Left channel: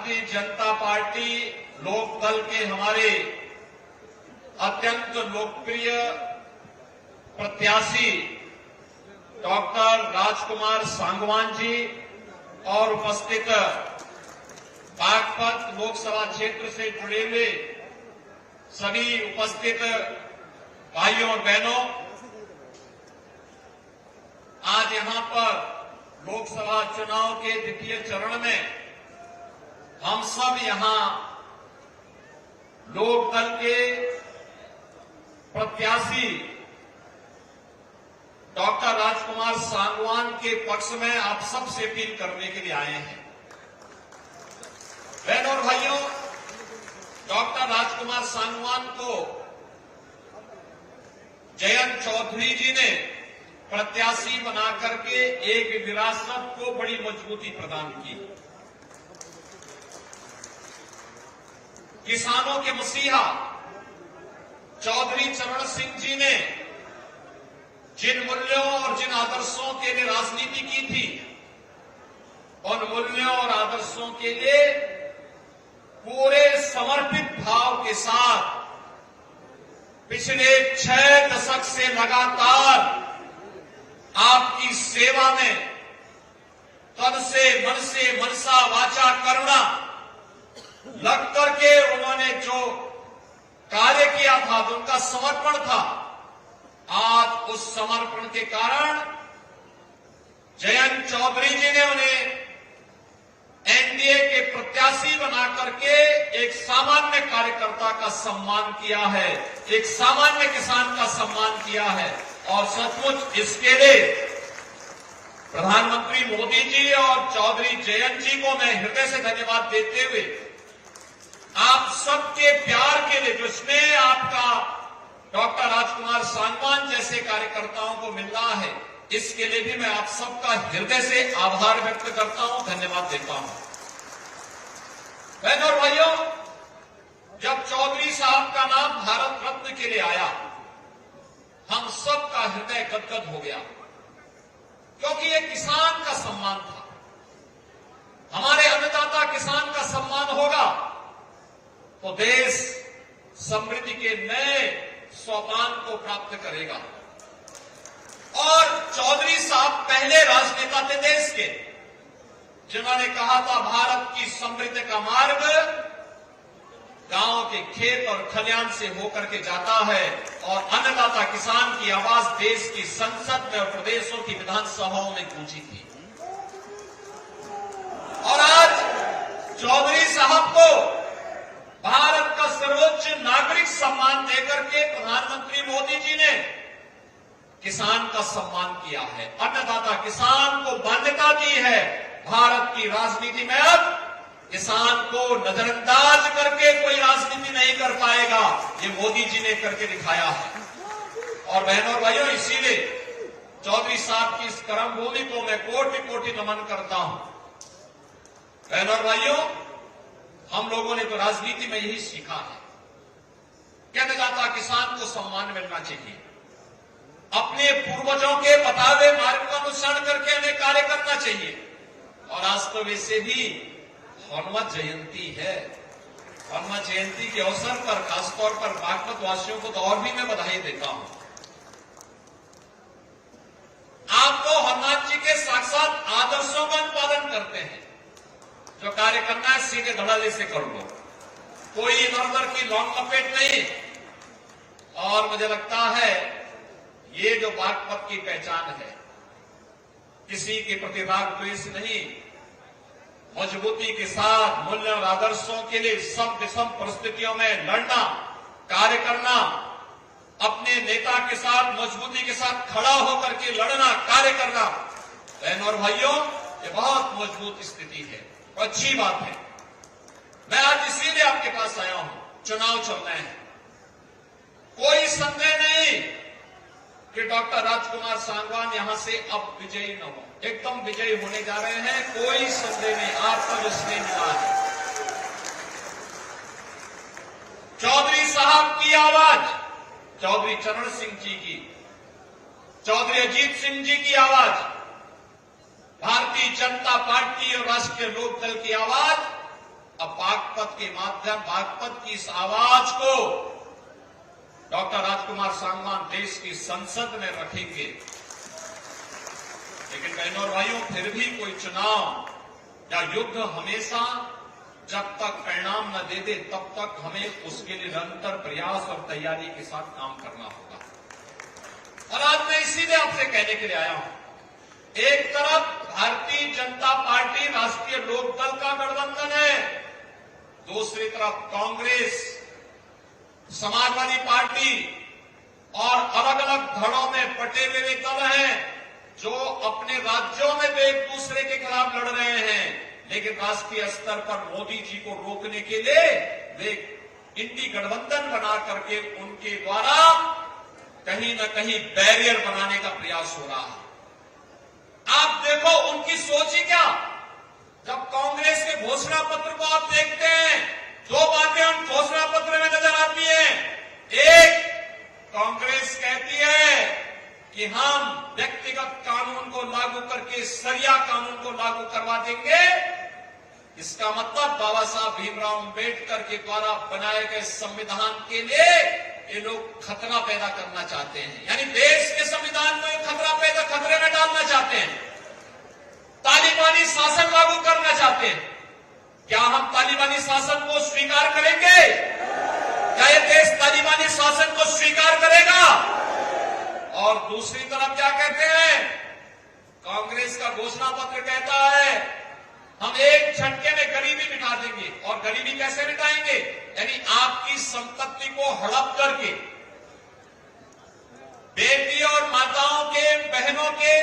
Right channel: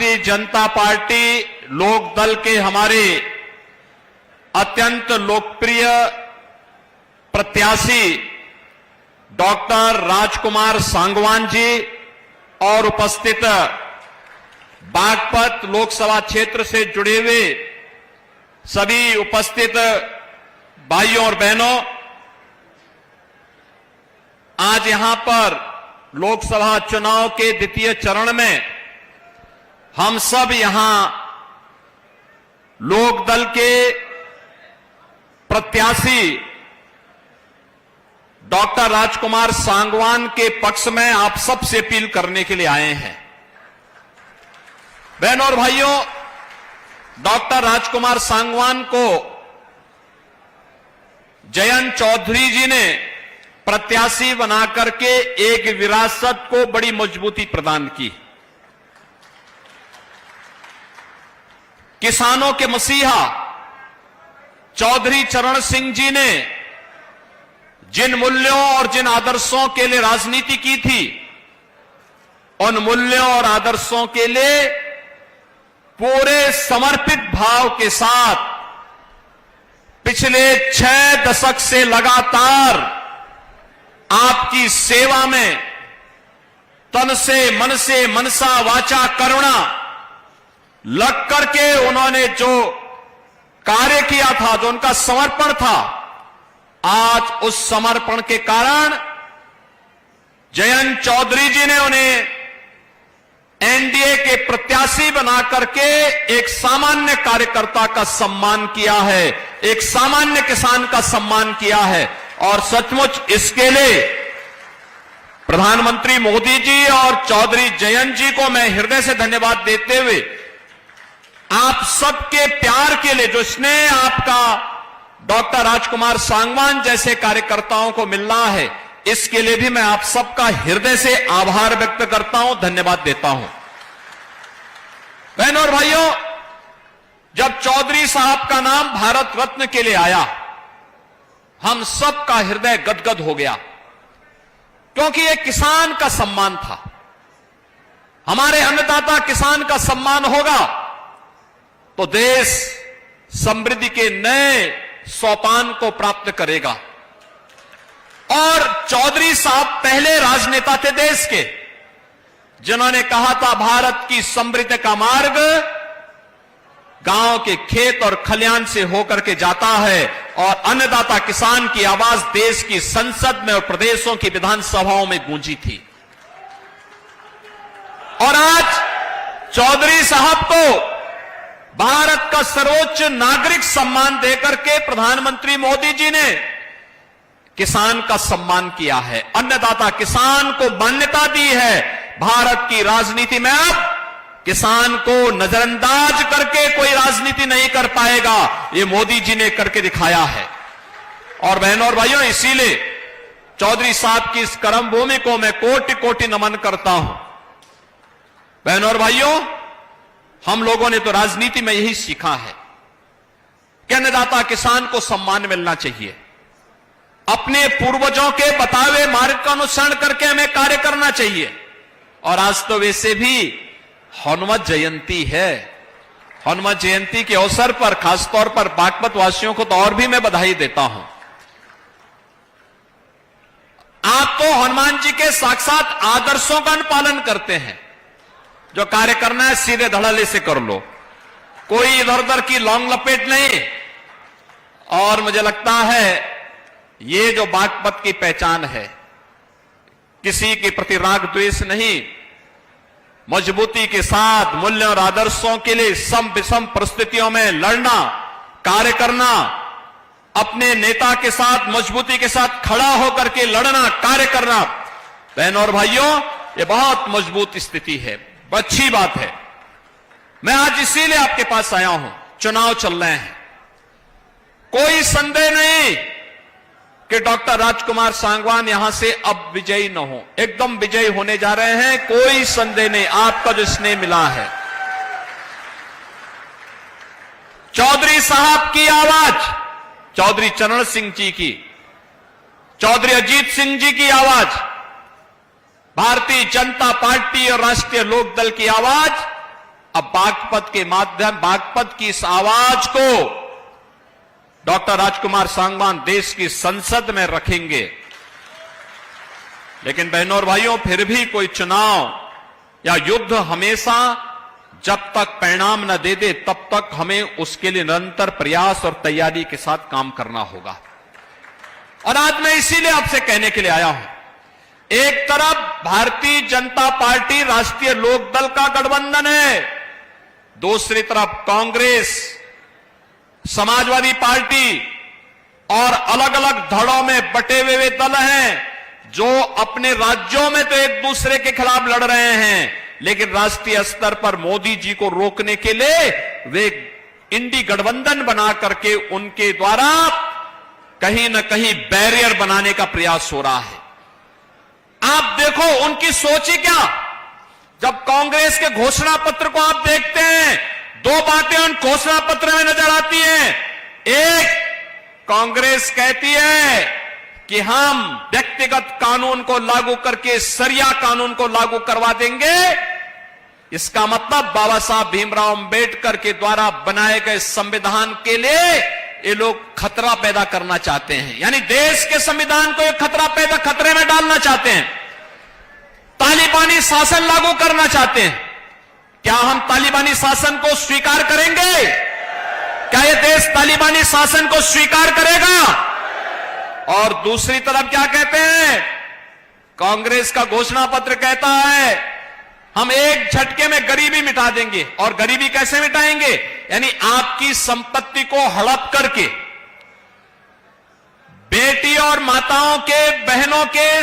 Bharatiya Janata party लोक दल के हमारे अत्यंत लोकप्रिय प्रत्याशी डॉक्टर राजकुमार सांगवान जी और उपस्थित बागपत लोकसभा क्षेत्र से जुड़े हुए सभी उपस्थित भाइयों और बहनों, आज यहां पर लोकसभा चुनाव के द्वितीय चरण में हम सब यहां लोक दल के प्रत्याशी डॉक्टर राजकुमार सांगवान के पक्ष में आप सबसे अपील करने के लिए आए हैं। बहनों और भाइयों, डॉक्टर राजकुमार सांगवान को जयंत चौधरी जी ने प्रत्याशी बनाकर के एक विरासत को बड़ी मजबूती प्रदान की। किसानों के मसीहा चौधरी चरण सिंह जी ने जिन मूल्यों और जिन आदर्शों के लिए राजनीति की थी, उन मूल्यों और आदर्शों के लिए पूरे समर्पित भाव के साथ पिछले 6 दशक से लगातार आपकी सेवा में तन से मन से मनसा वाचा करुणा लग करके उन्होंने जो कार्य किया था, जो उनका समर्पण था, आज उस समर्पण के कारण जयंत चौधरी जी ने उन्हें एनडीए के प्रत्याशी बना करके एक सामान्य कार्यकर्ता का सम्मान किया है, एक सामान्य किसान का सम्मान किया है। और सचमुच इसके लिए प्रधानमंत्री मोदी जी और चौधरी जयंत जी को मैं हृदय से धन्यवाद देते हुए आप सबके प्यार के लिए, जो स्नेह आपका डॉक्टर राजकुमार सांगवान जैसे कार्यकर्ताओं को मिल रहा है, इसके लिए भी मैं आप सबका हृदय से आभार व्यक्त करता हूं, धन्यवाद देता हूं। बहनों और भाइयों, जब चौधरी साहब का नाम भारत रत्न के लिए आया, हम सबका हृदय गदगद हो गया, क्योंकि यह किसान का सम्मान था। हमारे अन्नदाता किसान का सम्मान होगा तो देश समृद्धि के नए सोपान को प्राप्त करेगा। और चौधरी साहब पहले राजनेता थे देश के, जिन्होंने कहा था भारत की समृद्धि का मार्ग गांव के खेत और खलियान से होकर के जाता है, और अन्नदाता किसान की आवाज देश की संसद में और प्रदेशों की विधानसभाओं में गूंजी थी। और आज चौधरी साहब को भारत का सर्वोच्च नागरिक सम्मान देकर के प्रधानमंत्री मोदी जी ने किसान का सम्मान किया है, अन्नदाता किसान को मान्यता दी है। भारत की राजनीति में अब किसान को नजरअंदाज करके कोई राजनीति नहीं कर पाएगा, ये मोदी जी ने करके दिखाया है। और बहनों और भाइयों, इसीलिए चौधरी साहब की इस कर्म भूमि को मैं कोटि कोटि नमन करता हूं। बहनों और भाइयों, हम लोगों ने तो राजनीति में यही सीखा है कि अन्नदाता किसान को सम्मान मिलना चाहिए। अपने पूर्वजों के बताए हुए मार्ग का अनुसरण करके हमें कार्य करना चाहिए। और आज तो वैसे भी हनुमत जयंती है। हनुमत जयंती के अवसर पर खासतौर पर बागपत वासियों को तो और भी मैं बधाई देता हूं। आप तो हनुमान जी के साक्षात आदर्शों का पालन करते हैं। जो कार्य करना है सीधे धड़ल्ले से कर लो, कोई इधर उधर की लौंग लपेट नहीं। और मुझे लगता है ये जो बागपत की पहचान है, किसी के प्रति राग द्वेष नहीं, मजबूती के साथ मूल्य और आदर्शों के लिए सम विषम परिस्थितियों में लड़ना, कार्य करना, अपने नेता के साथ मजबूती के साथ खड़ा होकर के लड़ना, कार्य करना। बहनों और भाइयों, ये बहुत मजबूत स्थिति है, अच्छी बात है। मैं आज इसीलिए आपके पास आया हूं। चुनाव चल रहे हैं, कोई संदेह नहीं कि डॉक्टर राजकुमार सांगवान यहां से अब विजयी न हो, एकदम विजयी होने जा रहे हैं, कोई संदेह नहीं। आपका जो स्नेह मिला है, चौधरी साहब की आवाज, चौधरी चरण सिंह जी की, चौधरी अजीत सिंह जी की आवाज, भारतीय जनता पार्टी और राष्ट्रीय लोकदल की आवाज अब बागपत के माध्यम, बागपत की इस आवाज को डॉक्टर राजकुमार सांगवान देश की संसद में रखेंगे। लेकिन बहनों और भाइयों, फिर भी कोई चुनाव या युद्ध हमेशा जब तक परिणाम न दे दे तब तक हमें उसके लिए निरंतर प्रयास और तैयारी के साथ काम करना होगा। और आज मैं इसीलिए आपसे कहने के लिए आया हूं, एक तरफ भारतीय जनता पार्टी राष्ट्रीय लोकदल का गठबंधन है, दूसरी तरफ कांग्रेस, समाजवादी पार्टी और अलग अलग धड़ों में बटे हुए दल हैं जो अपने राज्यों में तो एक दूसरे के खिलाफ लड़ रहे हैं, लेकिन राष्ट्रीय स्तर पर मोदी जी को रोकने के लिए वे इंडी गठबंधन बना करके उनके द्वारा कहीं न कहीं बैरियर बनाने का प्रयास हो रहा है। आप देखो उनकी सोच ही क्या। जब कांग्रेस के घोषणा पत्र को आप देखते हैं, दो बातें उन घोषणा पत्र में नजर आती हैं। एक, कांग्रेस कहती है कि हम व्यक्तिगत कानून को लागू करके शरिया कानून को लागू करवा देंगे। इसका मतलब बाबा साहब भीमराव अंबेडकर के द्वारा बनाए गए संविधान के लिए ये लोग खतरा पैदा करना चाहते हैं, यानी देश के संविधान को एक खतरे में डालना चाहते हैं। तालिबानी शासन लागू करना चाहते हैं। क्या हम तालिबानी शासन को स्वीकार करेंगे? क्या ये देश तालिबानी शासन को स्वीकार करेगा? और दूसरी तरफ क्या कहते हैं? कांग्रेस का घोषणा पत्र कहता है हम एक झटके में गरीबी मिटा देंगे। और गरीबी कैसे मिटाएंगे? यानी आपकी संपत्ति को हड़प करके बेटी और माताओं के, बहनों के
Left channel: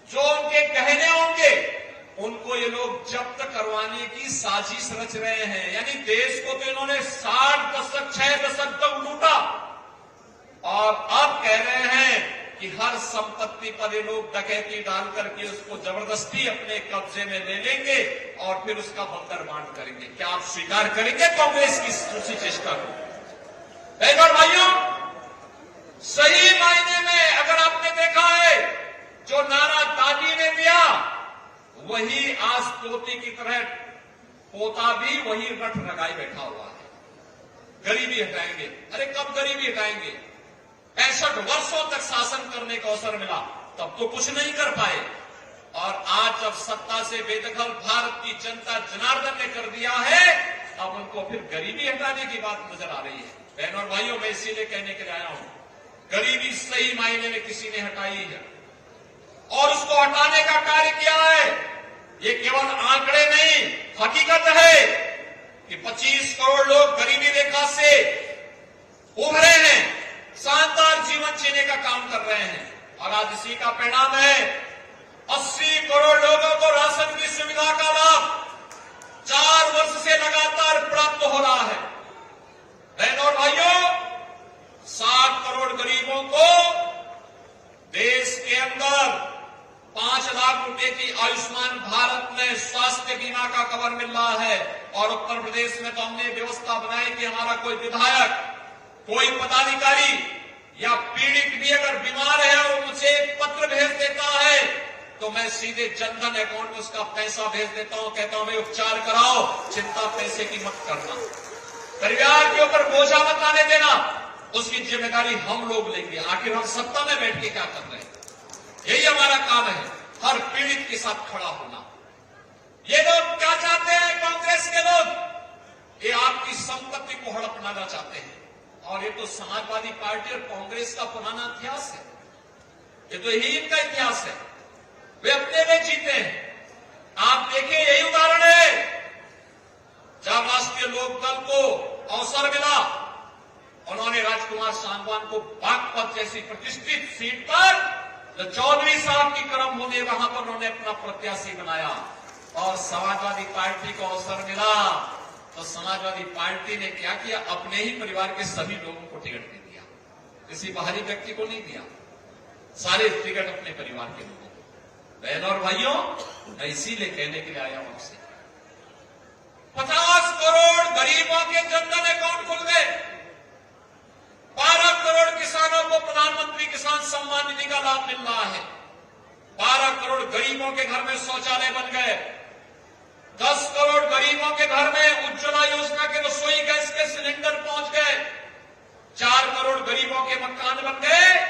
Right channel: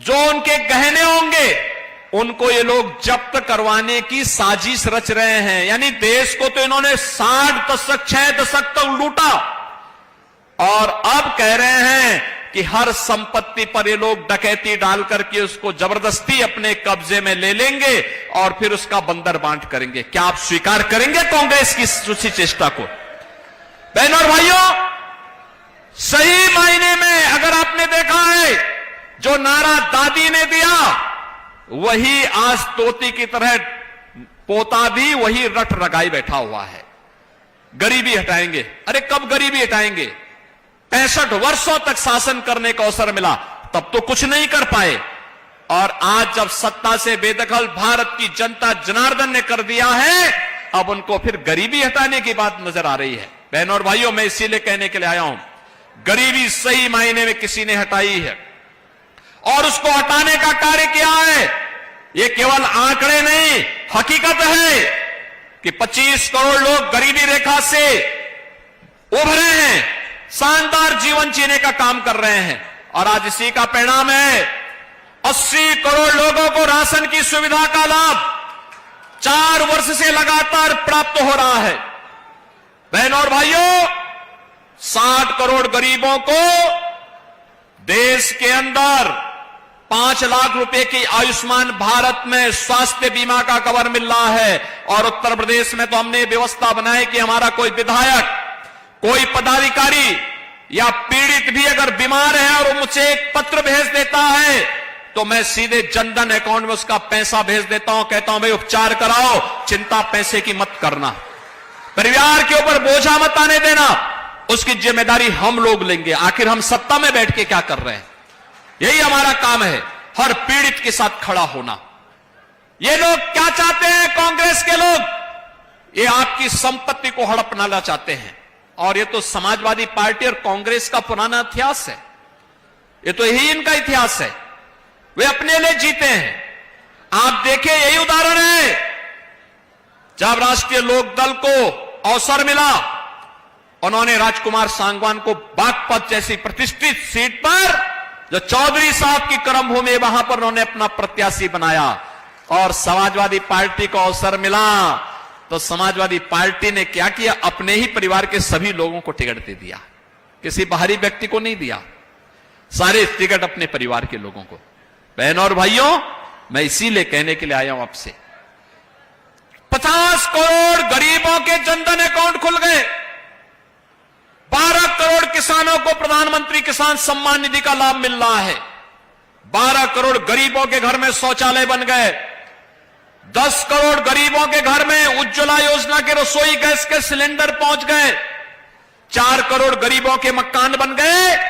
जो उनके गहने होंगे उनको ये लोग जब्त करवाने की साजिश रच रहे हैं। यानी देश को तो इन्होंने 60 दशक, 6 दशक तक लूटा और अब कह रहे हैं कि हर संपत्ति पर ये लोग डकैती डाल करके उसको जबरदस्ती अपने कब्जे में ले लेंगे और फिर उसका बंदर बांट करेंगे। क्या आप स्वीकार करेंगे कांग्रेस की उसी चेष्टा को? बहनों और भाइयों, सही मायने में अगर आपने देखा है जो नारा दादी ने दिया वही आज तोती की तरह पोता भी वही रट रगाई बैठा हुआ है। गरीबी हटाएंगे। अरे कब गरीबी हटाएंगे? 65 वर्षों तक शासन करने का अवसर मिला, तब तो कुछ नहीं कर पाए। और आज जब सत्ता से बेदखल भारत की जनता जनार्दन ने कर दिया है, अब उनको फिर गरीबी हटाने की बात नजर आ रही है। बहनों और भाइयों, मैं इसीलिए कहने के लिए आया हूं, गरीबी सही मायने में किसी ने हटाई है और उसको हटाने का कार्य किया है। ये केवल आंकड़े नहीं, हकीकत है कि 25 करोड़ लोग गरीबी रेखा से उभरे हैं, शानदार जीवन जीने का काम कर रहे हैं। और आज इसी का परिणाम है 80 करोड़ लोगों को राशन की सुविधा का लाभ 4 वर्ष से लगातार प्राप्त हो रहा है। बहनों और भाइयों, 60 करोड़ गरीबों को देश के अंदर 5 लाख रुपए की आयुष्मान भारत में स्वास्थ्य बीमा का कवर मिल रहा है। और उत्तर प्रदेश में तो हमने व्यवस्था बनाई कि हमारा कोई विधायक, कोई पदाधिकारी या पीड़ित भी अगर बीमार है और वो मुझे एक पत्र भेज देता है तो मैं सीधे जनधन अकाउंट में उसका पैसा भेज देता हूं, कहता हूं भाई उपचार कराओ, चिंता पैसे की मत करना, परिवार के ऊपर बोझा मत आने देना, उसकी जिम्मेदारी हम लोग लेंगे। आखिर हम सत्ता में बैठ के क्या कर रहे हैं? यही हमारा काम है, हर पीड़ित के साथ खड़ा होना। ये लोग क्या चाहते हैं? कांग्रेस के लोग ये आपकी संपत्ति को हड़पना चाहते हैं। और ये तो समाजवादी पार्टी और कांग्रेस का पुराना इतिहास है, ये तो यही इनका इतिहास है। वे अपने लिए जीते हैं। आप देखिए, यही उदाहरण है जब राष्ट्रीय लोकदल को अवसर मिला, उन्होंने राजकुमार सांगवान को बागपत जैसी प्रतिष्ठित सीट पर, जो चौधरी साहब की कर्मभूमि, वहां पर उन्होंने अपना प्रत्याशी बनाया। और समाजवादी पार्टी को अवसर मिला तो समाजवादी पार्टी ने क्या किया? अपने ही परिवार के सभी लोगों को टिकट दे दिया, किसी बाहरी व्यक्ति को नहीं दिया, सारे टिकट अपने परिवार के लोगों को। बहनों और भाइयों, मैं इसीलिए कहने के लिए आया हूं आपसे, 50 करोड़ गरीबों के जनधन अकाउंट खुल गए, 12 करोड़ किसानों को प्रधानमंत्री किसान सम्मान निधि का लाभ मिल रहा है, 12 करोड़ गरीबों के घर में शौचालय बन गए, 10 करोड़ गरीबों के घर में उज्ज्वला योजना के रसोई गैस के सिलेंडर पहुंच गए, 4 करोड़ गरीबों के मकान बन गए